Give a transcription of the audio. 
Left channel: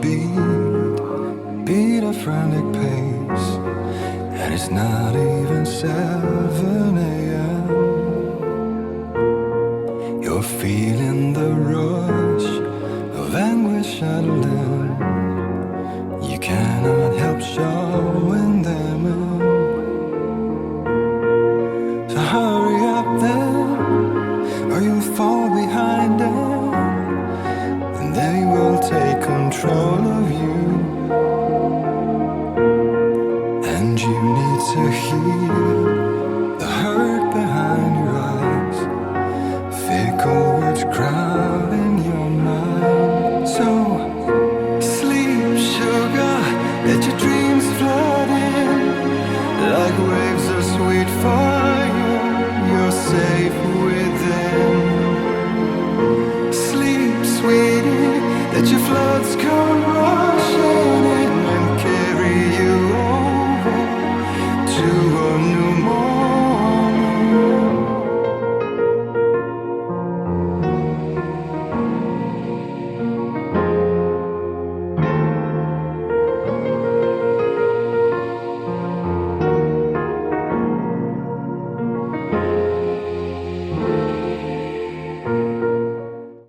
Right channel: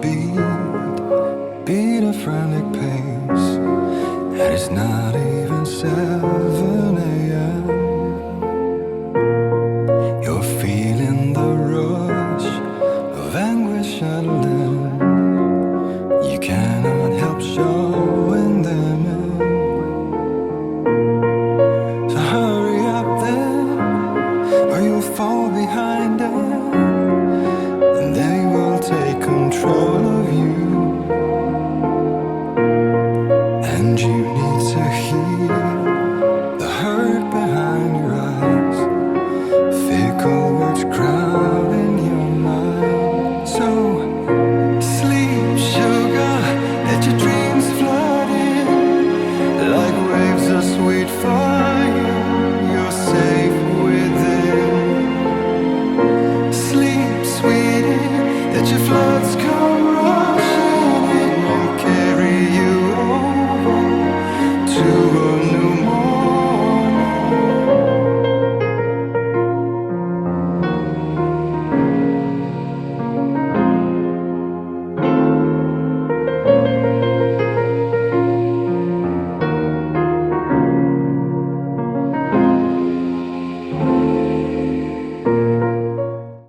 beat a frantic pace, and it's not even 7 a.m. You're feeling the rush of anguish and then you cannot help showing them in. So hurry up then, or you'll fall behind them, and they will take control of you. And you need to heal the hurt behind your eyes, fickle words crowding your mind. So sleep, sugar, let your dreams flood in like waves of sweet fire. You're safe within. Sleep, sweetie, let your floods come rushing in and carry you over to a new morning.